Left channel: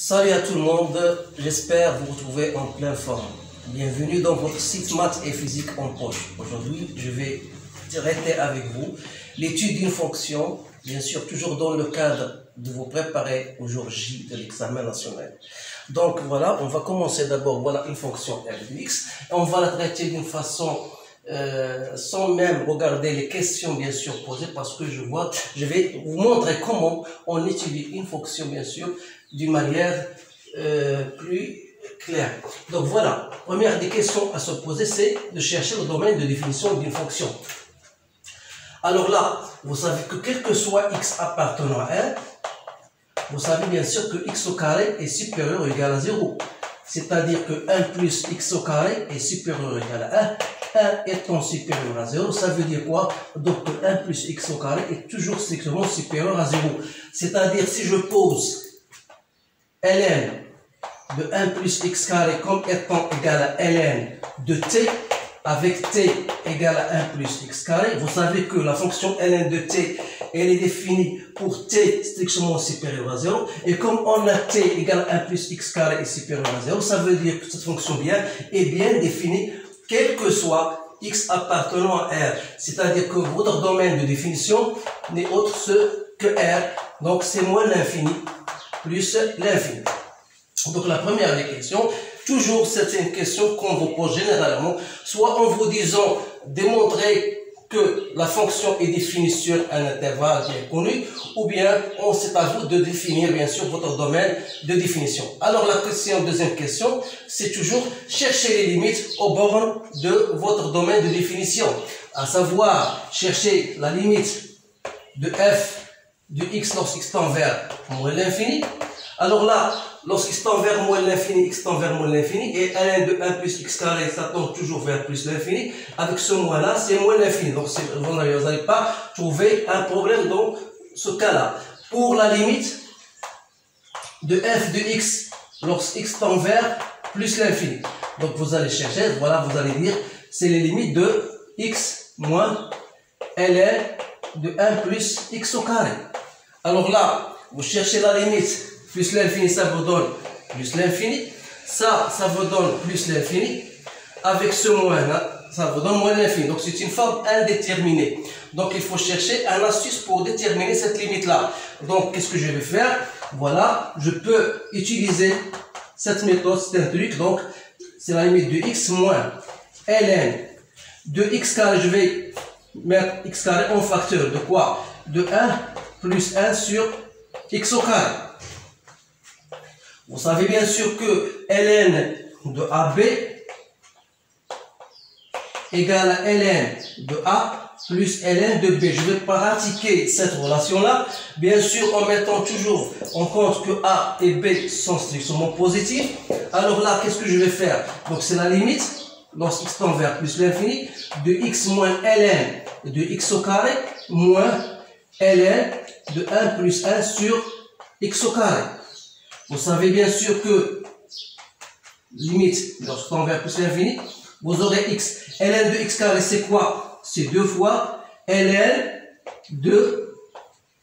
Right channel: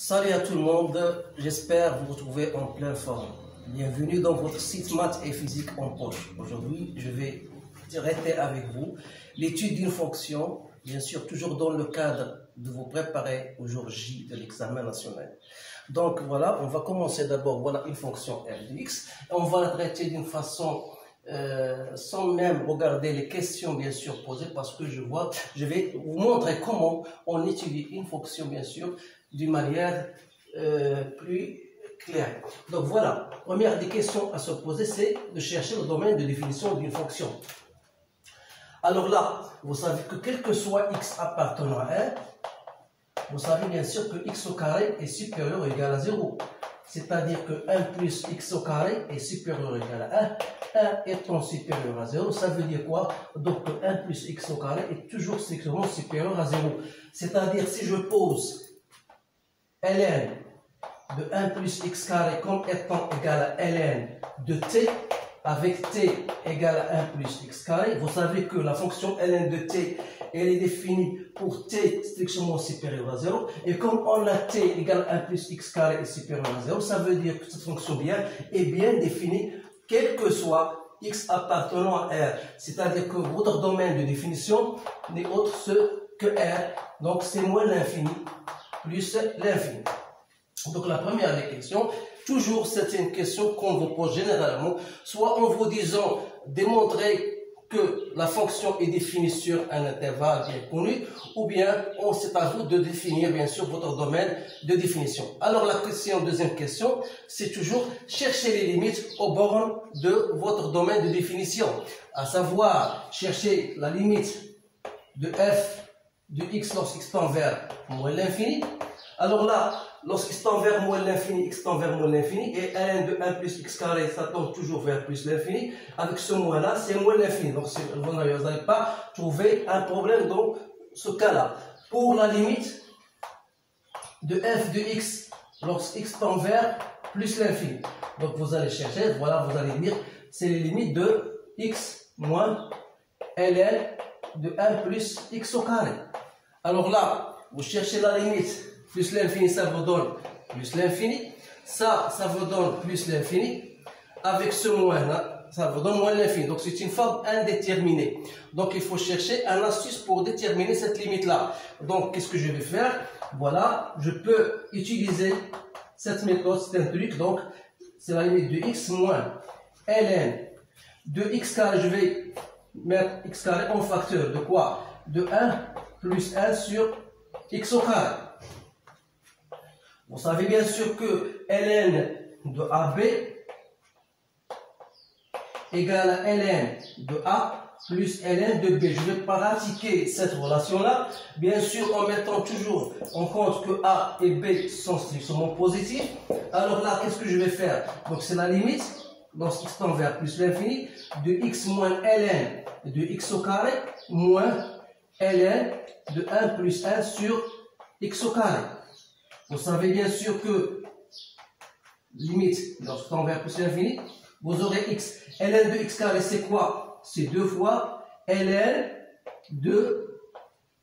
Salut à tout le monde, j'espère vous retrouver en pleine forme. Bienvenue dans votre site maths et physique en poche. Aujourd'hui, je vais traiter avec vous l'étude d'une fonction, bien sûr toujours dans le cadre de vous préparer au jour J de l'examen national. Donc voilà, on va commencer d'abord, voilà une fonction f de x. On va la traiter d'une façon sans même regarder les questions bien sûr posées parce que je vais vous montrer comment on étudie une fonction bien sûr d'une manière plus claire. Donc voilà, première des questions à se poser, c'est de chercher le domaine de définition d'une fonction. Alors là, vous savez que quel que soit x appartenant à R, vous savez bien sûr que x au carré est supérieur ou égal à 0. C'est-à-dire que 1 plus x au carré est supérieur ou égal à 1. 1 étant supérieur à 0, ça veut dire quoi? Donc 1 plus x au carré est toujours strictement supérieur à 0. C'est-à-dire si je pose ln de 1 plus x carré comme étant égal à ln de t, avec t égale à 1 plus x carré, vous savez que la fonction ln de t, elle est définie pour t strictement supérieur à 0, et comme on a t égale à 1 plus x carré est supérieur à 0, ça veut dire que cette fonction est bien définie, quel que soit x appartenant à R, c'est-à-dire que votre domaine de définition n'est autre que R, donc c'est moins l'infini plus l'infini. Donc la première des questions, toujours c'est une question qu'on vous pose généralement, soit en vous disant démontrer que la fonction est définie sur un intervalle bien connu, ou bien c'est à vous de définir bien sûr votre domaine de définition. Alors la deuxième question, c'est toujours chercher les limites aux bornes de votre domaine de définition, à savoir chercher la limite de f de x lorsqu'x tend vers moins l'infini. Alors là, lorsqu'x tend vers moins l'infini, x tend vers moins l'infini, et ln de 1 plus x carré, ça tend toujours vers plus l'infini, avec ce moins là, c'est moins l'infini. Donc vous n'allez pas trouver un problème dans ce cas-là. Pour la limite de f de x lorsqu'x tend vers plus l'infini. Donc vous allez chercher, voilà, vous allez dire, c'est les limites de x moins ln de 1 plus x au carré. Alors là, vous cherchez la limite, plus l'infini, ça vous donne plus l'infini. Ça vous donne plus l'infini. Avec ce moins là, ça vous donne moins l'infini. Donc c'est une forme indéterminée. Donc il faut chercher un astuce pour déterminer cette limite là. Donc qu'est-ce que je vais faire? Voilà, je peux utiliser cette méthode, c'est un truc. Donc c'est la limite de x moins ln de x carré. Je vais mettre x carré en facteur de quoi? De 1 plus 1 sur x au carré. Vous savez bien sûr que ln de AB égale à ln de A plus ln de B. Je vais pratiquer cette relation-là, bien sûr en mettant toujours en compte que A et B sont strictement positifs. Alors là, qu'est-ce que je vais faire? Donc c'est la limite, lorsqu'x tend vers plus l'infini, de x moins ln de x au carré moins ln de 1 plus 1 sur x au carré. Vous savez bien sûr que limite lorsqu'on tend vers plus l'infini, vous aurez x. ln de x carré, c'est quoi? C'est 2 fois ln de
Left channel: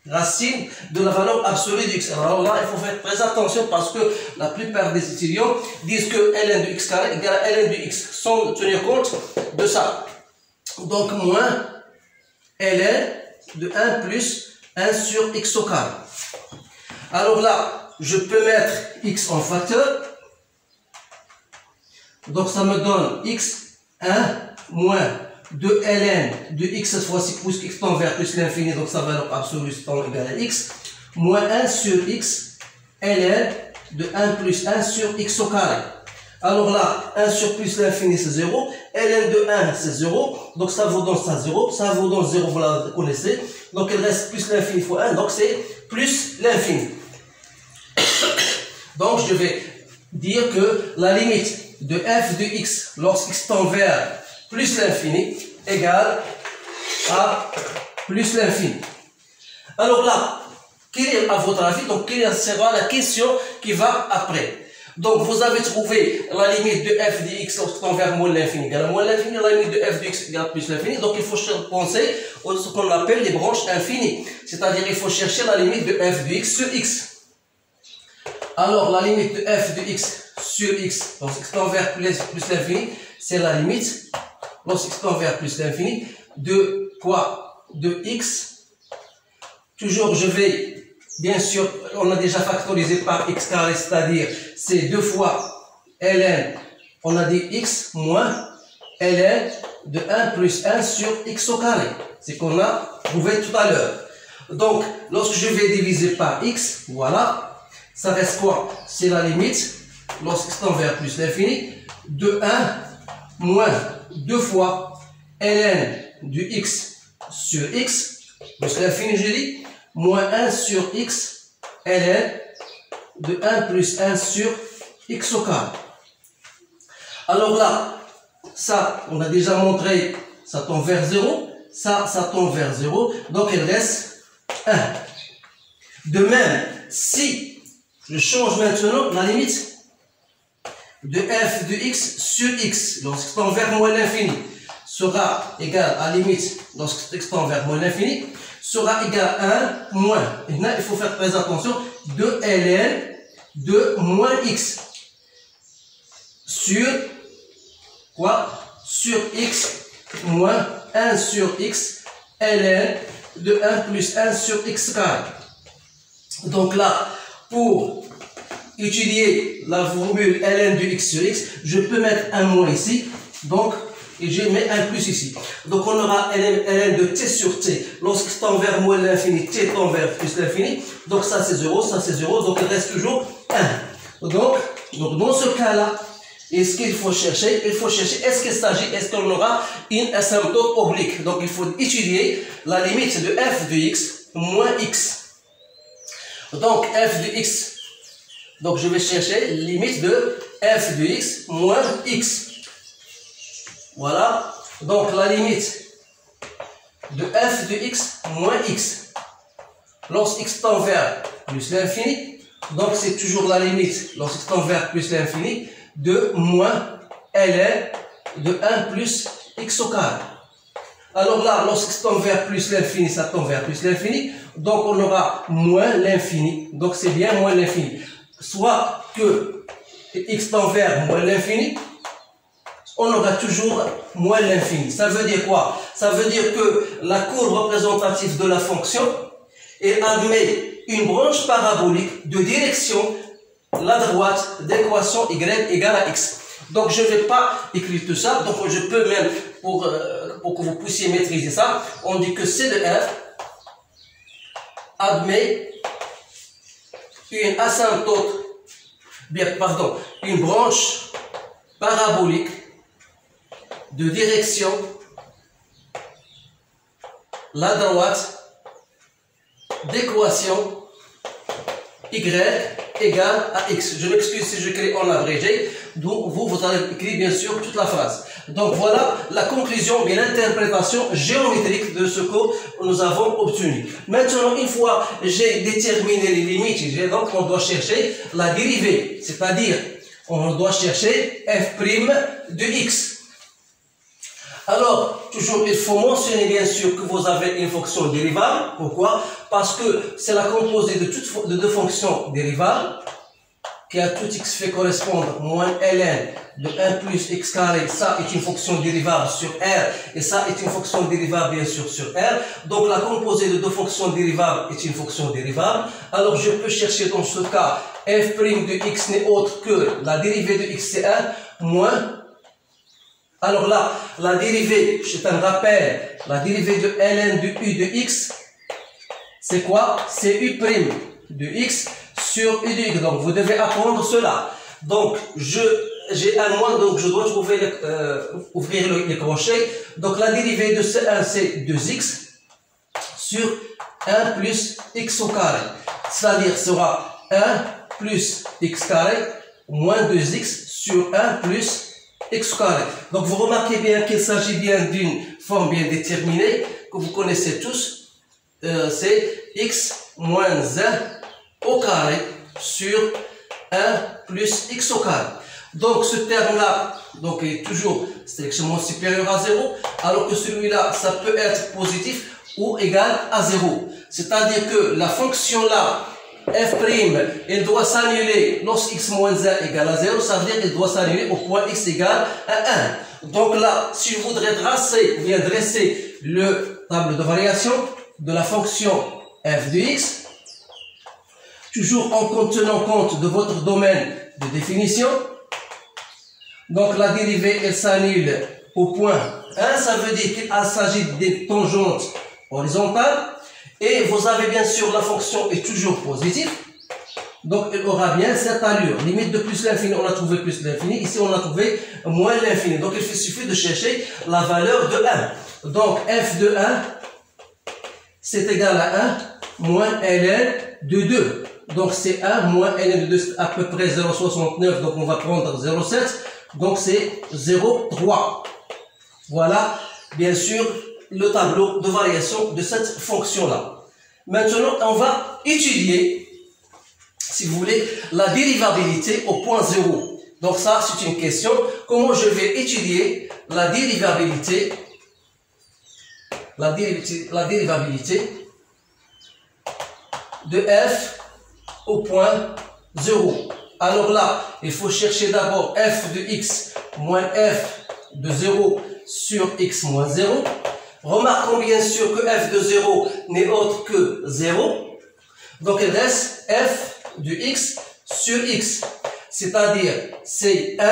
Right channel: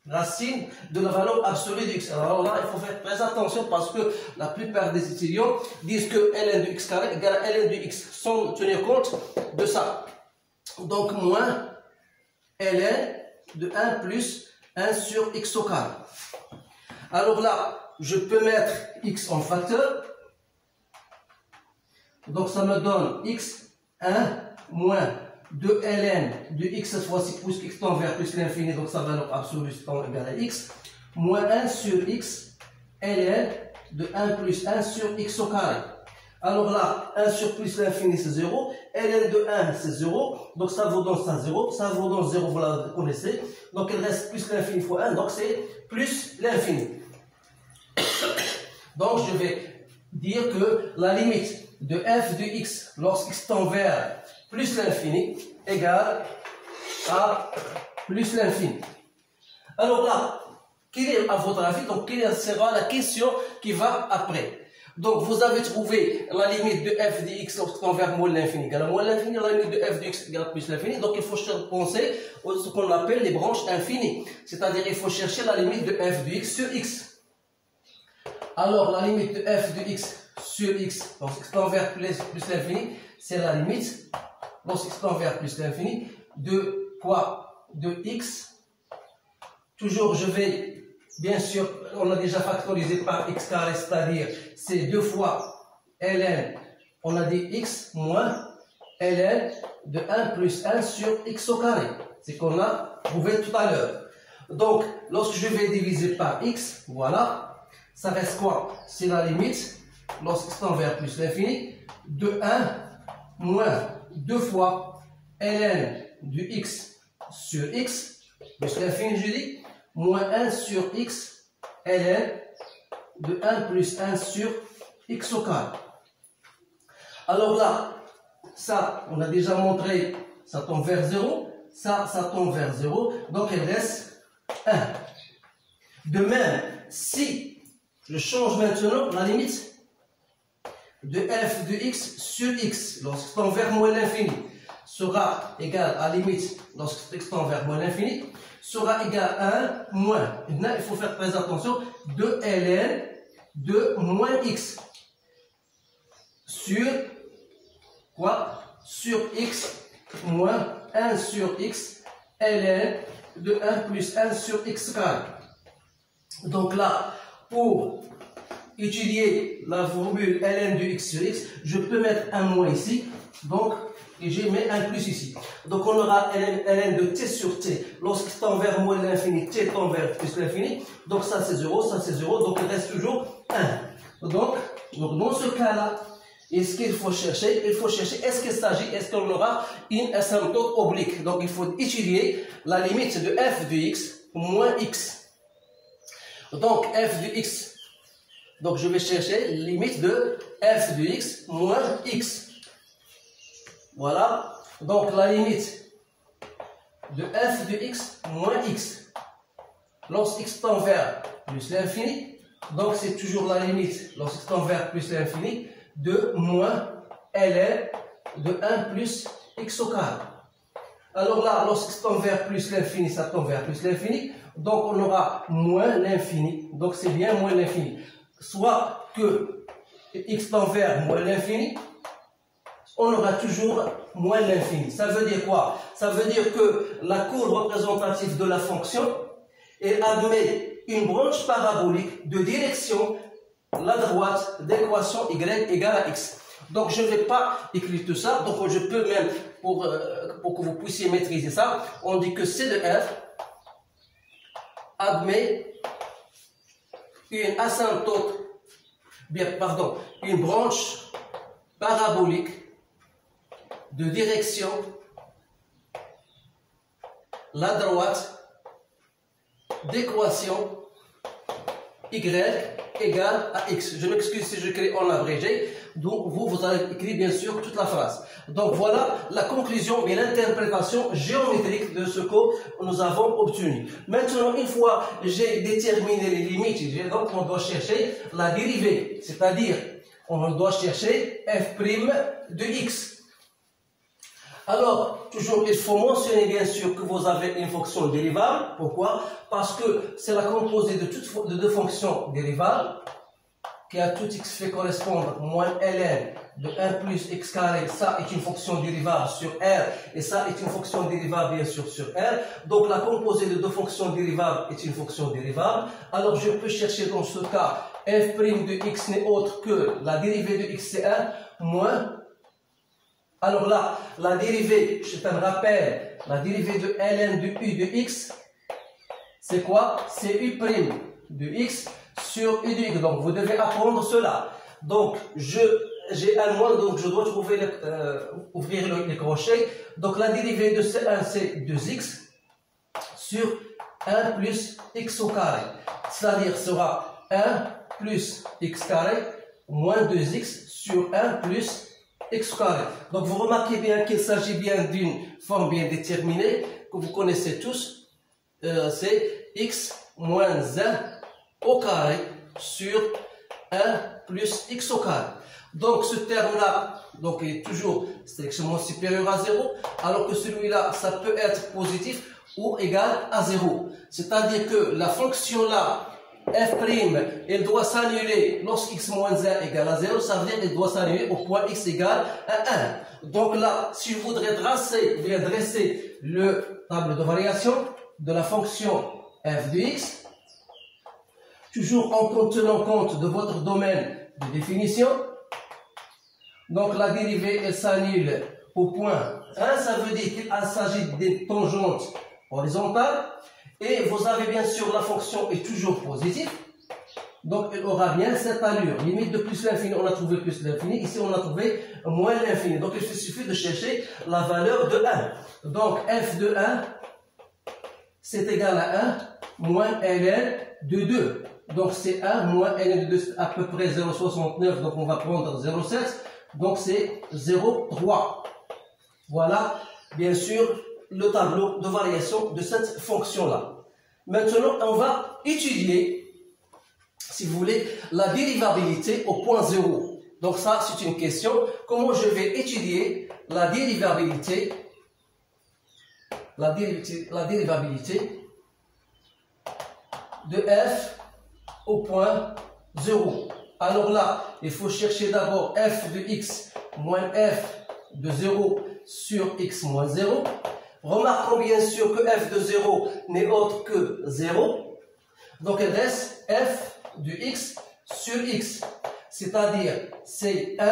racine de la valeur absolue de x. Alors là, il faut faire très attention parce que la plupart des étudiants disent que ln de x carré égale à ln de x sans tenir compte de ça. Donc moins ln de 1 plus 1 sur x au carré. Alors là, je peux mettre x en facteur. Donc ça me donne x 1 moins 2 ln de x, cette fois-ci plus x tend vers plus l'infini, donc sa valeur absolue tend égal à x, moins 1 sur x ln de 1 plus 1 sur x au carré. Alors là, 1 sur plus l'infini c'est 0, ln de 1 c'est 0, donc ça vous donne ça 0, ça vous donne 0, vous la connaissez, donc il reste plus l'infini fois 1, donc c'est plus l'infini. Donc je vais dire que la limite de f de x lorsqu'x tend vers plus l'infini égale à plus l'infini. Alors là, quelle est à votre avis, donc quelle sera la question qui va après? Donc vous avez trouvé la limite de f de x lorsqu'x tend vers moins l'infini égale à moins l'infini, la limite de f de x égale à plus l'infini, donc il faut penser à ce qu'on appelle les branches infinies, c'est-à-dire il faut chercher la limite de f de x sur x. Alors, la limite de f de x sur x, lorsque x tend vers plus l'infini, c'est la limite, lorsque x tend vers plus l'infini, de quoi? De x. Toujours, je vais, bien sûr, on a déjà factorisé par x carré, c'est-à-dire, c'est 2 fois ln, on a dit x moins ln de 1 plus 1 sur x au carré. C'est qu'on a trouvé tout à l'heure. Donc, lorsque je vais diviser par x, voilà, ça reste quoi? C'est la limite, lorsque x tend vers plus l'infini, de 1 moins 2 fois ln du x sur x, plus l'infini, je dis, moins 1 sur x ln de 1 plus 1 sur x au carré. Alors là, ça, on a déjà montré, ça tend vers 0, ça tend vers 0, donc il reste 1. De même, si je change maintenant la limite de f de x sur x, lorsque tend vers moins l'infini, sera égal à la limite, lorsque x tend vers moins l'infini, sera égal à 1 moins. Maintenant, il faut faire très attention, de ln de moins x sur quoi? Sur x moins 1 sur x ln de 1 plus 1 sur x carré. Donc là, pour étudier la formule ln de x sur x, je peux mettre un moins ici, donc, et je mets un plus ici. Donc on aura ln de t sur t, lorsqu'il tend vers moins l'infini, t tend vers plus l'infini, donc ça c'est 0, donc il reste toujours 1. Donc dans ce cas-là, est-ce qu'il faut chercher? Il faut chercher, est-ce qu'on aura une asymptote oblique? Donc il faut étudier la limite de f de x moins x. Donc f de x, donc je vais chercher limite de f de x moins x. Voilà, donc la limite de f de x moins x. Lorsque x tend vers plus l'infini, donc c'est toujours la limite, lorsque x tend vers plus l'infini, de moins ln de 1 plus x au carré. Alors là, lorsque x tend vers plus l'infini, ça tend vers plus l'infini, donc on aura moins l'infini, donc c'est bien moins l'infini. Soit que x tend vers moins l'infini, on aura toujours moins l'infini. Ça veut dire quoi? Ça veut dire que la courbe représentative de la fonction, elle admet une branche parabolique de direction la droite d'équation y égale à x. Donc je ne vais pas écrire tout ça, donc je peux même, pour que vous puissiez maîtriser ça, on dit que C de f admet une asymptote, une branche parabolique de direction la droite d'équation y égale à x. Je m'excuse si je crée en abrégé, donc vous allez écrire bien sûr toute la phrase. Donc voilà la conclusion et l'interprétation géométrique de ce que nous avons obtenu. Maintenant, une fois j'ai déterminé les limites, donc on doit chercher la dérivée, c'est-à-dire on doit chercher f' de x. Alors, toujours, il faut mentionner bien sûr que vous avez une fonction dérivable. Pourquoi? Parce que c'est la composée de deux fonctions dérivables qui à tout x fait correspondre moins ln de 1 plus x carré. Ça est une fonction dérivable sur R et ça est une fonction dérivable bien sûr sur R. Donc la composée de deux fonctions dérivables est une fonction dérivable. Alors je peux chercher dans ce cas f' de x n'est autre que la dérivée de x c'est 1 moins. Alors là, la dérivée, je te rappelle, la dérivée de ln de u de x, c'est quoi? C'est u' de x sur u de y. Donc vous devez apprendre cela. Donc j'ai un moins, donc je dois trouver ouvrir le crochet. Donc la dérivée de C1 c'est 2x sur 1 plus x au carré. C'est-à-dire sera 1 plus x carré moins 2x sur 1 plus x carré. Donc vous remarquez bien qu'il s'agit bien d'une forme bien déterminée que vous connaissez tous. C'est x moins 1 au carré sur 1 plus x au carré. Donc ce terme-là donc est toujours strictement supérieur à 0, alors que celui-là, ça peut être positif ou égal à 0. C'est-à-dire que la fonction-là, f', il doit s'annuler lorsque x moins 1 égale à 0, ça veut dire qu'il doit s'annuler au point x égale à 1. Donc là, si je voudrais dresser le tableau de variation de la fonction f de x, toujours en tenant compte de votre domaine de définition, donc la dérivée, elle s'annule au point 1, ça veut dire qu'il s'agit des tangentes horizontales, et vous avez bien sûr la fonction est toujours positive, donc elle aura bien cette allure. Limite de plus l'infini, on a trouvé plus l'infini, ici on a trouvé moins l'infini, donc il suffit de chercher la valeur de 1. Donc f de 1, c'est égal à 1 moins ln de 2. Donc c'est 1 moins ln de 2, c'est à peu près 0,69, donc on va prendre 0,7, donc c'est 0,3. Voilà, bien sûr, le tableau de variation de cette fonction-là. Maintenant, on va étudier, si vous voulez, la dérivabilité au point 0. Donc ça, c'est une question. Comment je vais étudier la dérivabilité de f au point 0. Alors là, il faut chercher d'abord f de x moins f de 0 sur x moins 0. Remarquons bien sûr que f de 0 n'est autre que 0. Donc il reste f de x sur x. C'est-à-dire c'est 1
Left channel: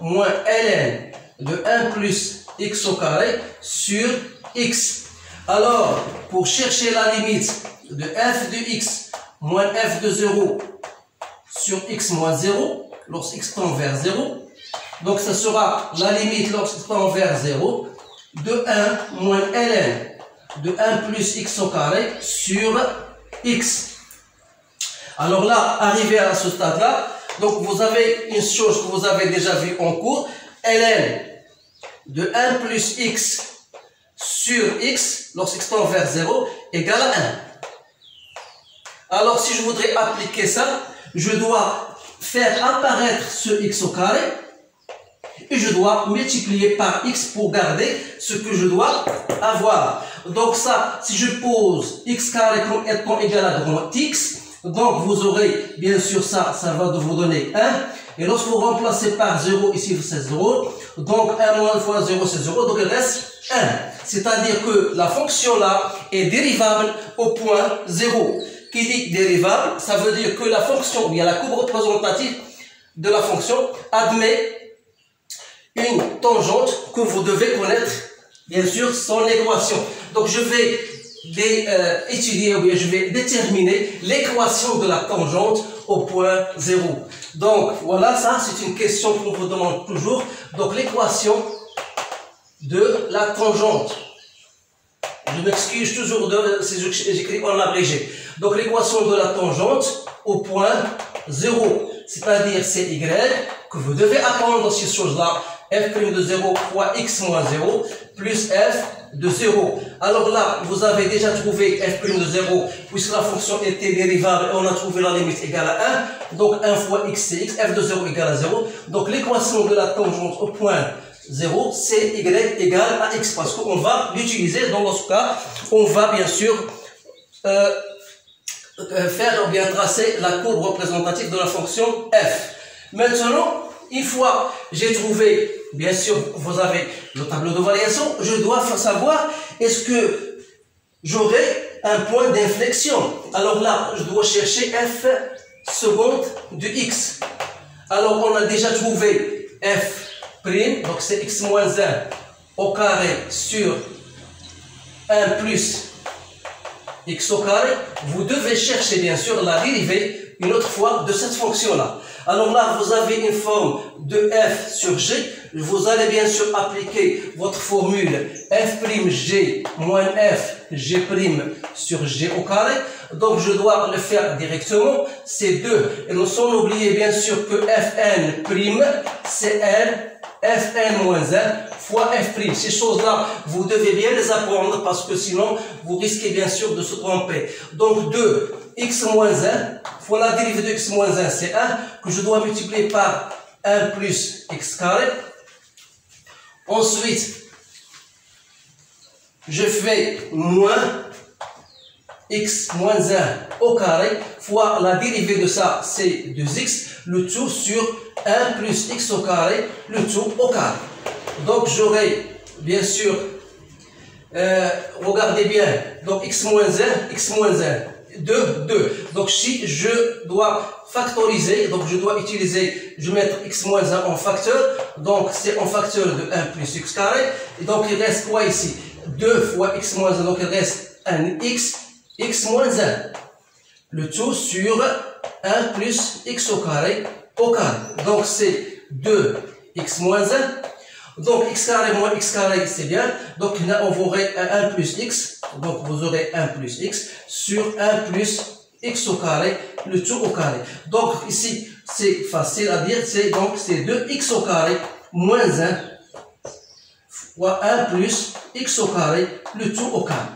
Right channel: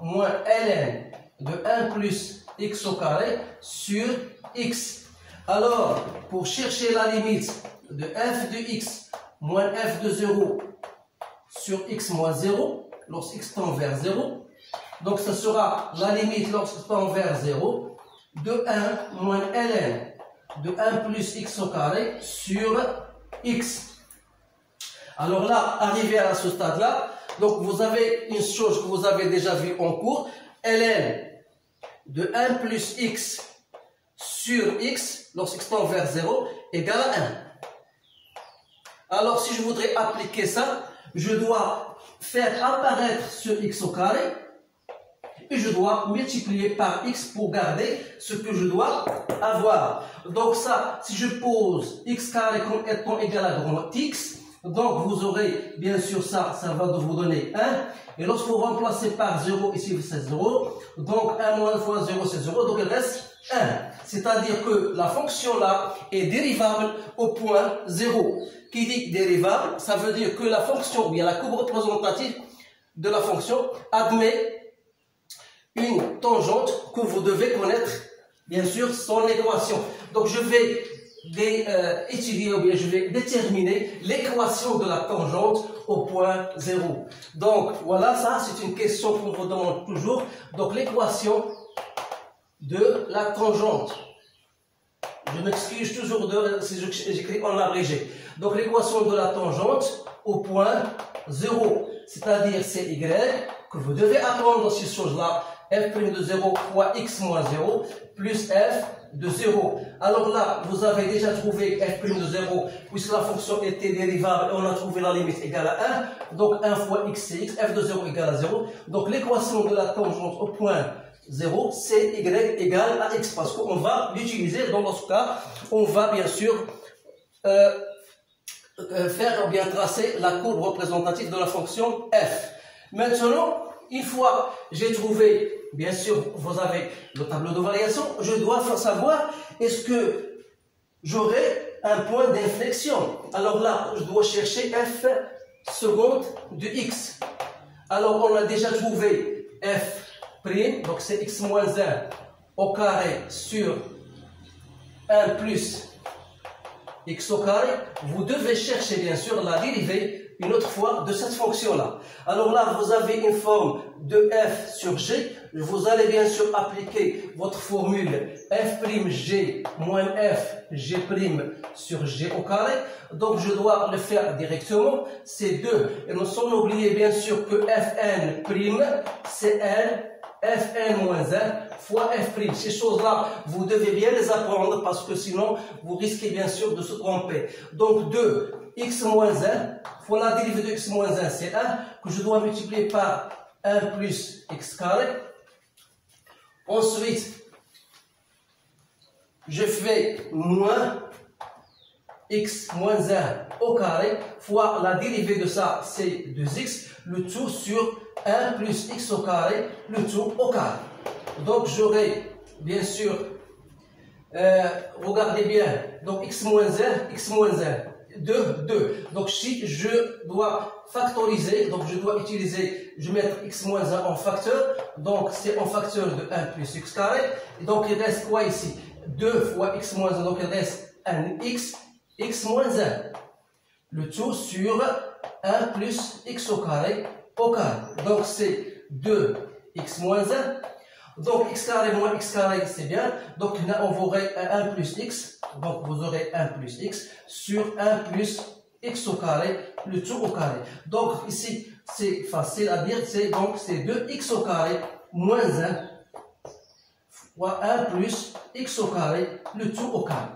moins ln de 1 plus x au carré sur x. Alors, pour chercher la limite de f de x moins f de 0 sur x moins 0, lorsque x tend vers 0, donc ce sera la limite lorsque tend vers 0 de 1 moins ln de 1 plus x au carré sur x. Alors là, arrivé à ce stade-là, donc vous avez une chose que vous avez déjà vue en cours, ln de 1 plus x sur x, lorsque x tend vers 0, égale à 1. Alors si je voudrais appliquer ça, je dois faire apparaître ce x au carré, et je dois multiplier par x pour garder ce que je dois avoir. Donc ça, si je pose x carré comme étant égal à grand X, donc vous aurez bien sûr ça va vous donner 1. Et lorsque vous remplacez par 0, ici c'est 0, donc 1 moins 1 fois 0 c'est 0, donc il reste 1. C'est-à-dire que la fonction là est dérivable au point 0. Qui dit dérivable, ça veut dire que la fonction, ou bien la courbe représentative de la fonction admet une tangente que vous devez connaître, bien sûr, son équation. Donc je vais étudier, ou bien je vais déterminer l'équation de la tangente au point 0. Donc voilà, ça c'est une question qu'on vous demande toujours. Donc l'équation de la tangente. Je m'excuse toujours si j'écris en abrégé. Donc l'équation de la tangente au point 0. C'est-à-dire c'est y que vous devez apprendre ces choses-là. F' de 0 fois x moins 0 plus f de 0. Alors là, vous avez déjà trouvé f' de 0 puisque la fonction était dérivable et on a trouvé la limite égale à 1. Donc 1 fois x c'est x, f de 0 égale à 0. Donc l'équation de la tangente au point 0, c'est y égale à x parce qu'on va l'utiliser dans ce cas. On va bien sûr faire ou bien tracer la courbe représentative de la fonction f. Maintenant, une fois j'ai trouvé, bien sûr, vous avez le tableau de variation, je dois savoir est-ce que j'aurai un point d'inflexion. Alors là, je dois chercher f seconde de x. Alors on a déjà trouvé f', donc c'est x moins 1 au carré sur 1 plus x au carré. Vous devez chercher bien sûr la dérivée une autre fois de cette fonction-là. Alors là, vous avez une forme de f sur g. Vous allez bien sûr appliquer votre formule f'g moins f g' sur g au carré. Donc je dois le faire directement. C'est 2. Et sans oublier bien sûr que fn', c'est n fn moins 1 fois f'. Ces choses-là, vous devez bien les apprendre parce que sinon, vous risquez bien sûr de se tromper. Donc 2, x moins 1 fois la dérivée de x moins 1, c'est 1, que je dois multiplier par 1 plus x carré. Ensuite, je fais moins x moins 1 au carré fois la dérivée de ça, c'est 2x, le tout sur 1 plus x au carré, le tout au carré. Donc j'aurai bien sûr, regardez bien, donc x moins 1, 2. Donc si je dois factoriser, donc je dois utiliser, je vais mettre x moins 1 en facteur, donc c'est en facteur de 1 plus x carré, et donc il reste quoi ici? 2 fois x moins 1, donc il reste un x moins 1. Le tout sur 1 plus x au carré. Donc c'est 2x moins 1. Donc x carré moins x carré, c'est bien. Donc là, on aurait 1 plus x. Donc vous aurez 1 plus x sur 1 plus x au carré, le tout au carré. Donc ici, c'est facile à dire. Donc c'est 2x au carré moins 1 fois 1 plus x au carré, le tout au carré.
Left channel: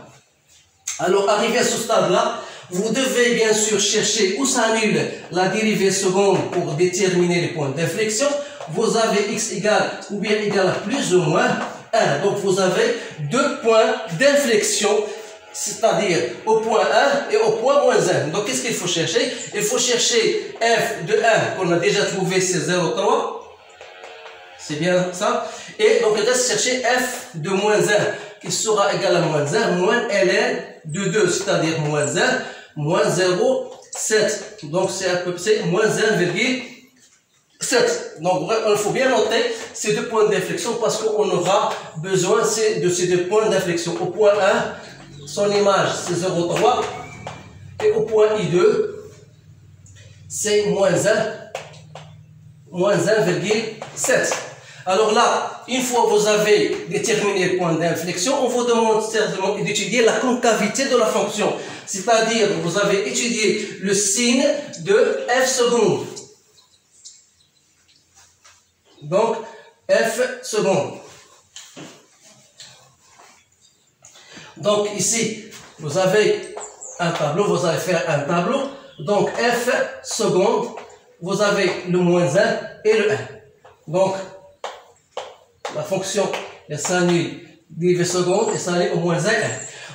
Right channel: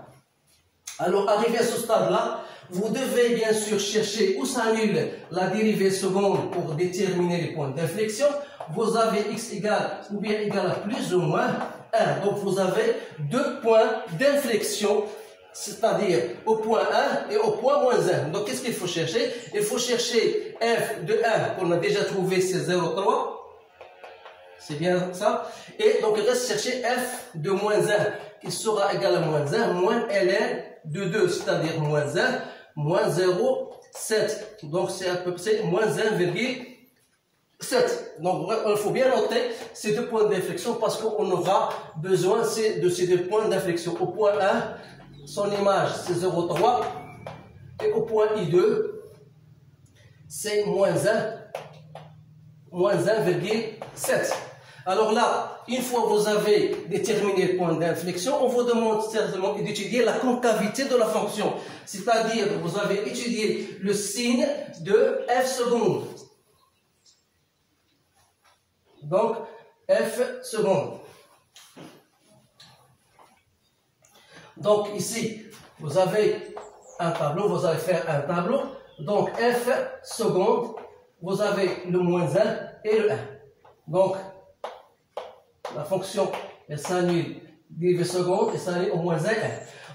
Alors, arrivé à ce stade-là, vous devez bien sûr chercher où s'annule la dérivée seconde pour déterminer les points d'inflexion. Vous avez x égale ou bien égal à plus ou moins 1. Donc, vous avez deux points d'inflexion, c'est-à-dire au point 1 et au point moins 1. Donc, qu'est-ce qu'il faut chercher? Il faut chercher f de 1 qu'on a déjà trouvé, c'est 0,3. C'est bien ça. Et donc, il reste chercher f de moins 1 qui sera égal à moins 1 moins ln de 2, c'est-à-dire moins 1 moins 0,7. Donc, c'est à peu près moins 1,7. Donc, il faut bien noter ces deux points d'inflexion parce qu'on aura besoin de ces deux points d'inflexion. Au point 1, son image, c'est 0,3. Et au point I2, c'est moins 1,7. Alors là, une fois que vous avez déterminé le point d'inflexion, on vous demande certainement d'étudier la concavité de la fonction. C'est-à-dire que vous avez étudié le signe de f seconde. Donc, f seconde. Donc ici, vous avez un tableau, vous allez faire un tableau. Donc f seconde, vous avez le moins 1 et le 1. Donc, la fonction, elle s'annule dérivée seconde et s'annule au moins 1.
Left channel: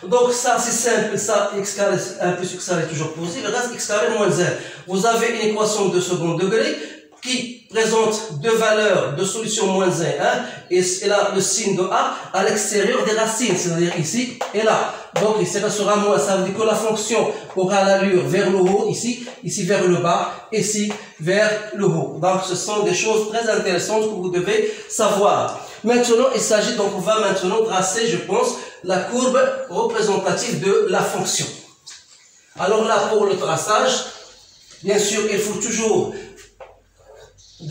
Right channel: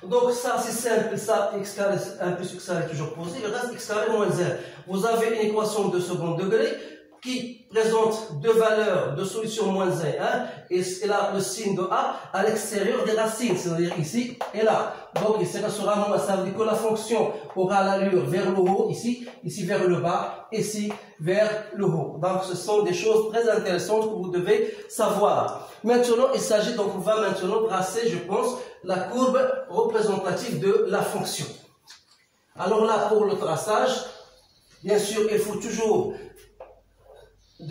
Donc ça c'est simple, ça x carré 1 plus x carré est toujours positif, le reste x carré moins 1. Vous avez une équation de second degré qui présente deux valeurs de solution moins 1, et là le signe de a à l'extérieur des racines, c'est-à-dire ici et là. Donc ici ça sera moins, ça veut dire que la fonction aura l'allure vers le haut, ici vers le bas, ici vers le haut. Donc ce sont des choses très intéressantes que vous devez savoir. Maintenant, il s'agit donc, on va maintenant tracer, je pense, la courbe représentative de la fonction. Alors là, pour le traçage, bien sûr, il faut toujours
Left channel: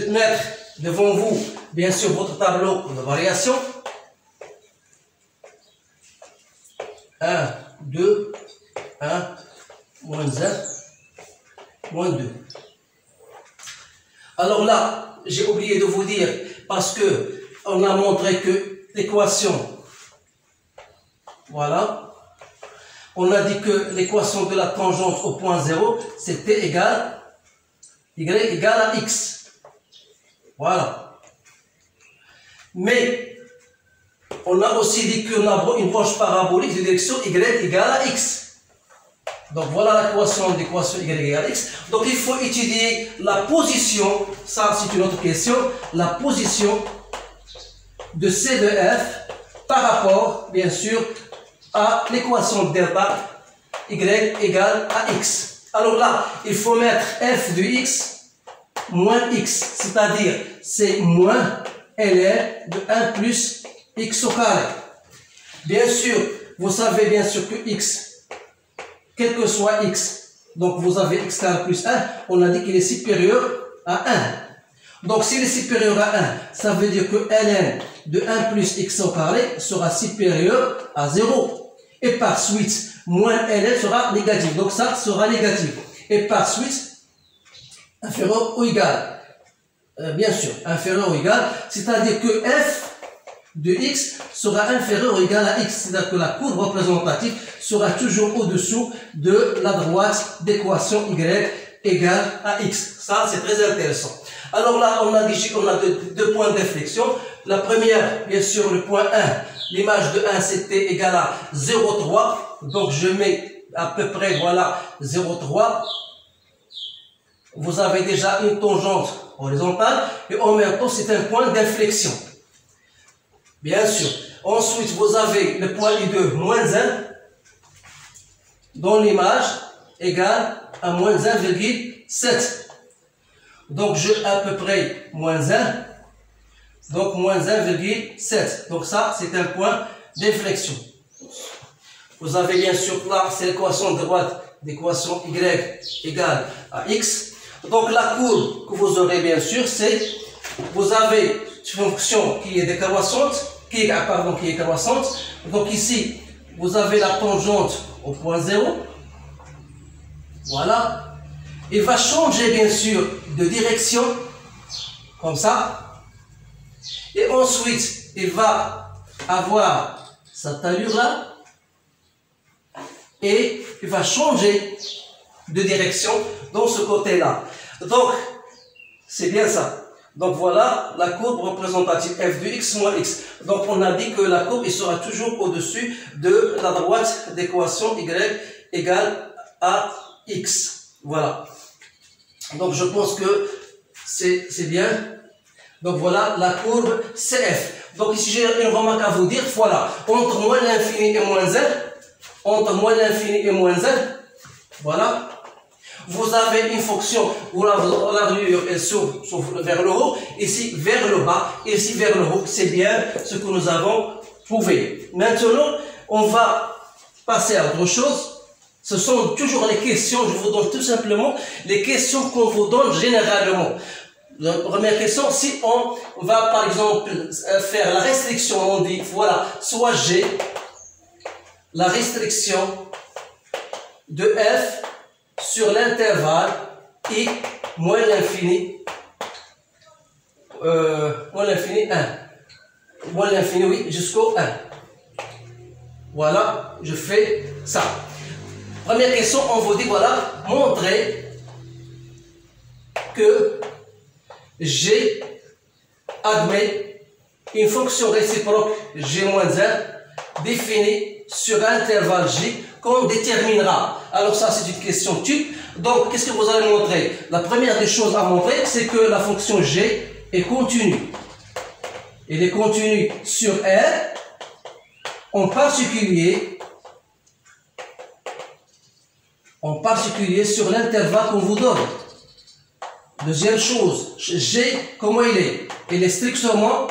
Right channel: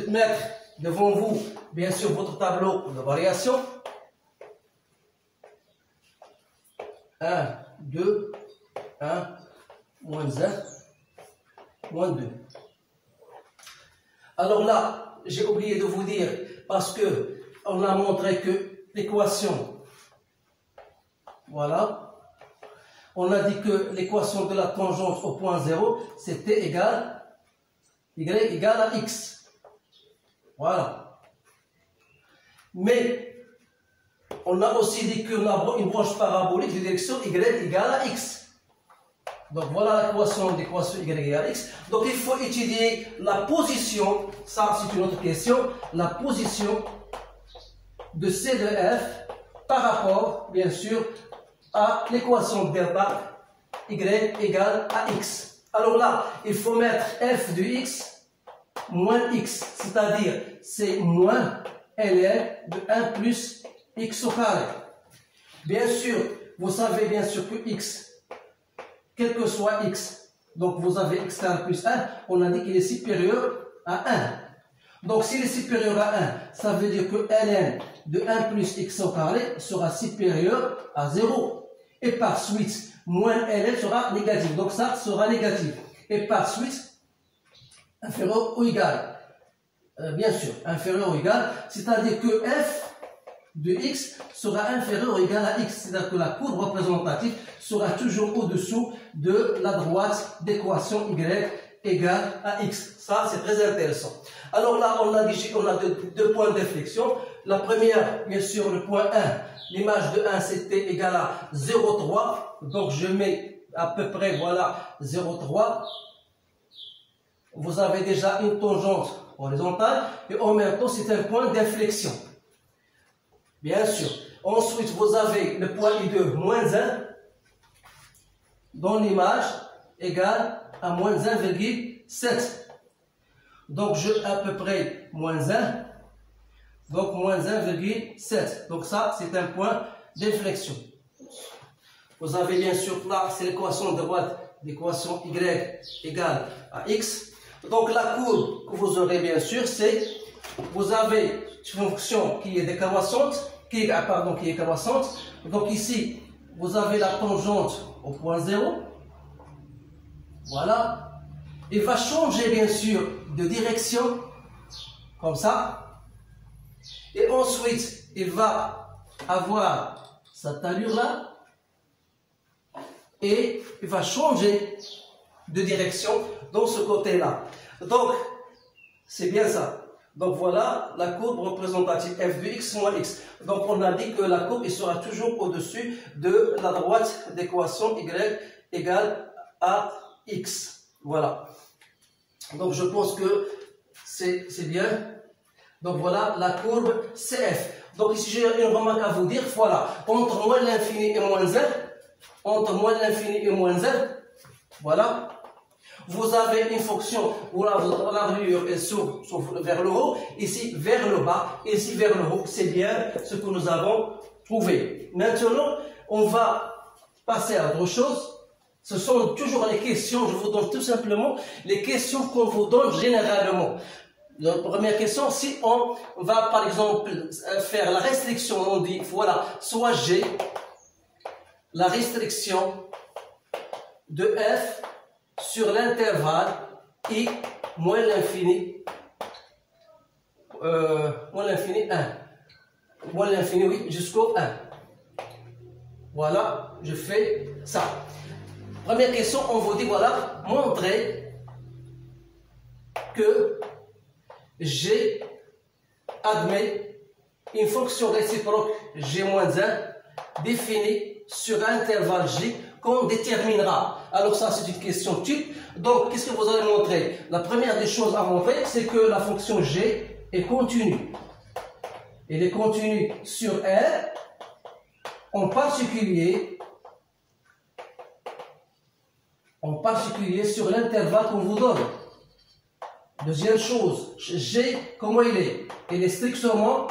mettre devant vous, bien sûr, votre tableau de variation. 1, 2, 1, moins 1, moins 2. Alors là, j'ai oublié de vous dire, parce que on a montré que l'équation, voilà, on a dit que l'équation de la tangente au point 0, c'était égal, y égale à x. Voilà. Mais, on a aussi dit qu'on a une branche parabolique de direction y égale à x. Donc voilà l'équation d'équation y égale à x. Donc il faut étudier la position, ça c'est une autre question, la position de C de f par rapport, bien sûr, à l'équation delta y égale à x. Alors là, il faut mettre f de x moins x, c'est-à-dire c'est moins ln de 1 plus x au carré. Bien sûr, vous savez bien sûr que x, quel que soit x, donc vous avez x carré plus 1, on a dit qu'il est supérieur à 1. Donc s'il est supérieur à 1, ça veut dire que ln de 1 plus x au carré sera supérieur à 0. Et par suite, moins ln sera négatif. Donc ça sera négatif. Et par suite, inférieur ou égal. Bien sûr, inférieur ou égal. C'est-à-dire que f de x sera inférieur ou égal à x. C'est-à-dire que la courbe représentative sera toujours au-dessous de la droite d'équation y égale à x. Ça, c'est très intéressant. Alors là, on a deux points d'inflexion. La première, bien sûr, le point 1, l'image de 1, c'était égal à 0,3. Donc, je mets à peu près, voilà, 0,3. Vous avez déjà une tangente horizontale et en même temps, c'est un point d'inflexion. Bien sûr. Ensuite, vous avez le point I2 moins 1 dans l'image égale à moins 1,7. Donc, je à peu près moins 1. Donc, moins 1,7. Donc, ça, c'est un point d'inflexion. Vous avez bien sûr là, c'est l'équation de droite d'équation Y égale à X. Donc, la courbe que vous aurez bien sûr, c'est, vous avez une fonction qui est décroissante, qui est croissante. Donc, ici, vous avez la tangente au point 0. Voilà. Il va changer bien sûr de direction, comme ça. Et ensuite, il va avoir cette allure-là. Et il va changer de direction dans ce côté-là. Donc, c'est bien ça. Donc voilà la courbe représentative f de x moins x. Donc on a dit que la courbe il sera toujours au-dessus de la droite d'équation y égale à x. Voilà. Donc je pense que c'est bien. Donc voilà la courbe CF. Donc ici j'ai une remarque à vous dire. Voilà. Entre moins l'infini et moins 1. Entre moins l'infini et moins 1. Voilà. Vous avez une fonction où l'allure s'ouvre vers le haut, ici vers le bas, ici vers le haut. C'est bien ce que nous avons prouvé. Maintenant, on va passer à autre chose. Ce sont toujours les questions, je vous donne tout simplement les questions qu'on vous donne généralement. La première question, si on va par exemple faire la restriction, on dit voilà, soit G, la restriction de F sur l'intervalle I moins l'infini 1. Moins l'infini, oui, jusqu'au 1. Voilà, je fais ça. Première question, on vous dit, voilà, montrer que G admet une fonction réciproque G-1 définie sur un intervalle J qu'on déterminera. Alors ça, c'est une question type. Donc, qu'est-ce que vous allez montrer? La première des choses à montrer, c'est que la fonction G est continue. Elle est continue sur R, en particulier sur l'intervalle qu'on vous donne. Deuxième chose, G, comment il est? Elle est strictement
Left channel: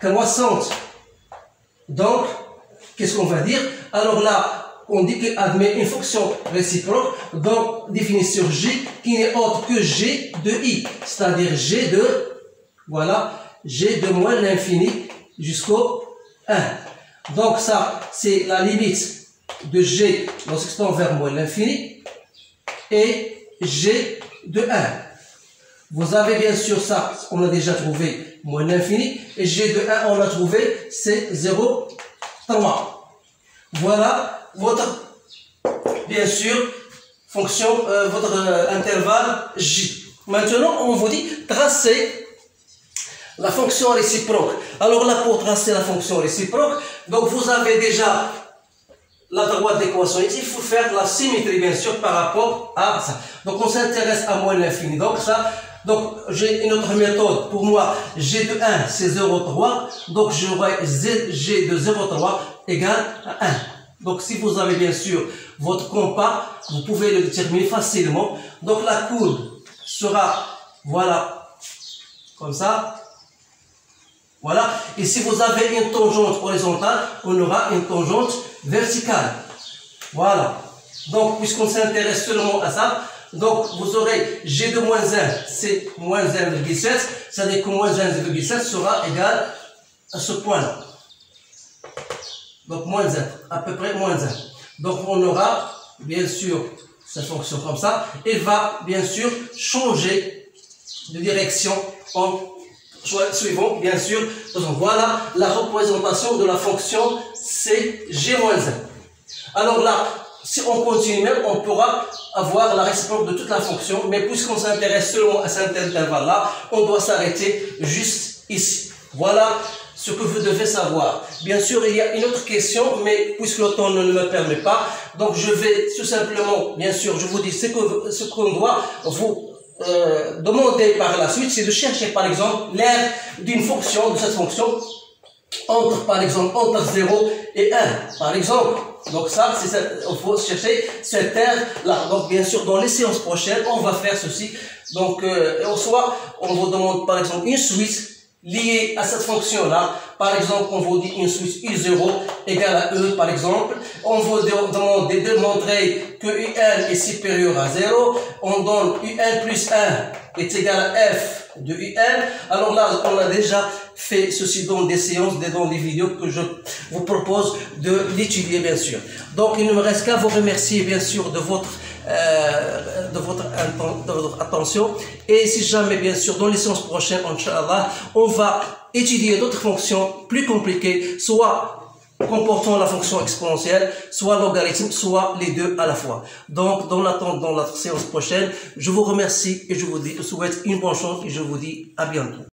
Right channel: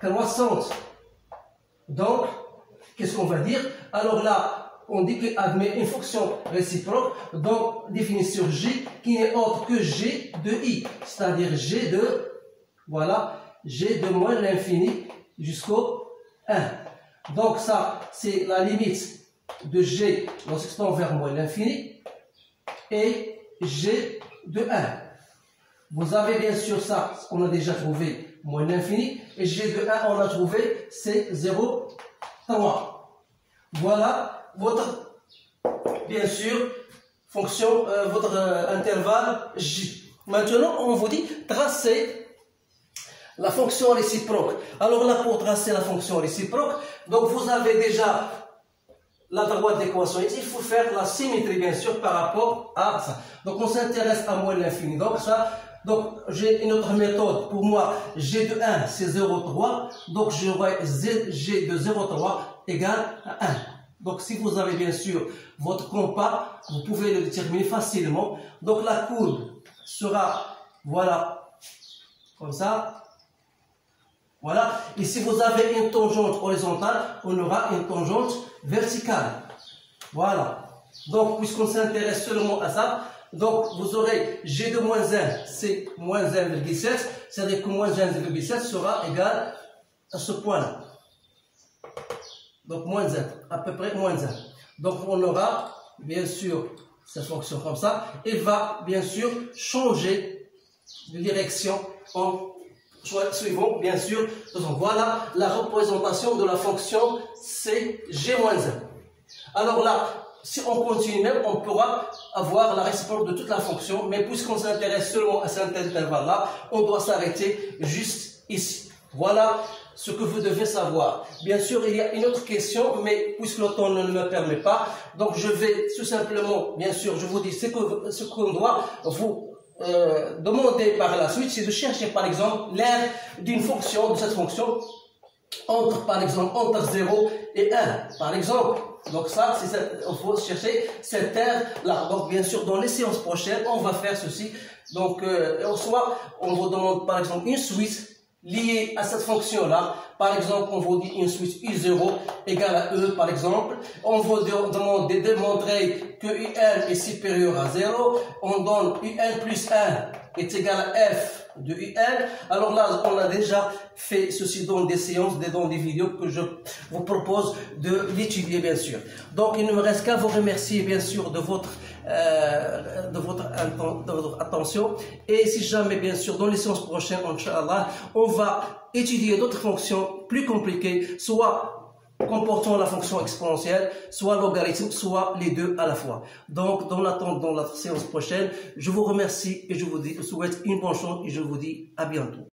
croissante. Donc, qu'est-ce qu'on va dire? Alors là, on dit qu'il admet une fonction réciproque, donc définie sur J, qui n'est autre que G de I, c'est-à-dire G de, voilà, G de moins l'infini jusqu'au 1. Donc ça, c'est la limite de G lorsqu'il tend vers moins l'infini, et G de 1. Vous avez bien sûr ça, on a déjà trouvé moins l'infini, et G de 1, on a trouvé, c'est 0,3. Voilà votre, bien sûr, fonction, votre intervalle J. Maintenant, on vous dit tracer la fonction réciproque. Alors là, pour tracer la fonction réciproque, donc vous avez déjà la droite d'équation ici, il faut faire la symétrie, bien sûr, par rapport à ça. Donc, on s'intéresse à moins l'infini. Donc, ça, donc, j'ai une autre méthode. Pour moi, G de 1, c'est 0,3. Donc, j'aurai G de 0,3 égale à 1. Donc, si vous avez bien sûr votre compas, vous pouvez le déterminer facilement. Donc, la courbe sera, voilà, comme ça. Voilà. Et si vous avez une tangente horizontale, on aura une tangente verticale. Voilà. Donc, puisqu'on s'intéresse seulement à ça, donc vous aurez G de moins 1, c'est moins 1,7. C'est-à-dire que moins 1,7 sera égal à ce point-là. Donc, moins 1, à peu près moins 1. Donc, on aura, bien sûr, cette fonction comme ça. Elle va, bien sûr, changer de direction en suivant, bien sûr. Donc, voilà la représentation de la fonction CG-1. Alors là, si on continue même, on pourra avoir la réciproque de toute la fonction. Mais puisqu'on s'intéresse seulement à cet intervalle-là, on doit s'arrêter juste ici. Voilà ce que vous devez savoir. Bien sûr, il y a une autre question, mais puisque le temps ne me permet pas, donc je vais tout simplement, bien sûr, je vous dis ce qu'on doit vous demander par la suite, c'est de chercher par exemple l'aire d'une fonction, de cette fonction, par exemple, entre 0 et 1, par exemple. Donc ça, il faut chercher cette aire-là. Donc bien sûr, dans les séances prochaines, on va faire ceci. Donc, soit on vous demande par exemple une suite liée à cette fonction-là. Par exemple, on vous dit une suite U0 égale à E, par exemple. On vous demande de démontrer que UN est supérieur à 0. On donne UN plus 1 est égal à F de UN. Alors là, on a déjà fait ceci dans des séances, dans des vidéos que je vous propose de l'étudier, bien sûr. Donc, il ne me reste qu'à vous remercier, bien sûr, de votre attention. Et si jamais, bien sûr, dans les séances prochaines, Inch'Allah, on va étudier d'autres fonctions plus compliquées, soit comportant la fonction exponentielle, soit logarithme, soit les deux à la fois. Donc, dans l'attente, dans la séance prochaine, je vous remercie et je vous souhaite une bonne chance et je vous dis à bientôt.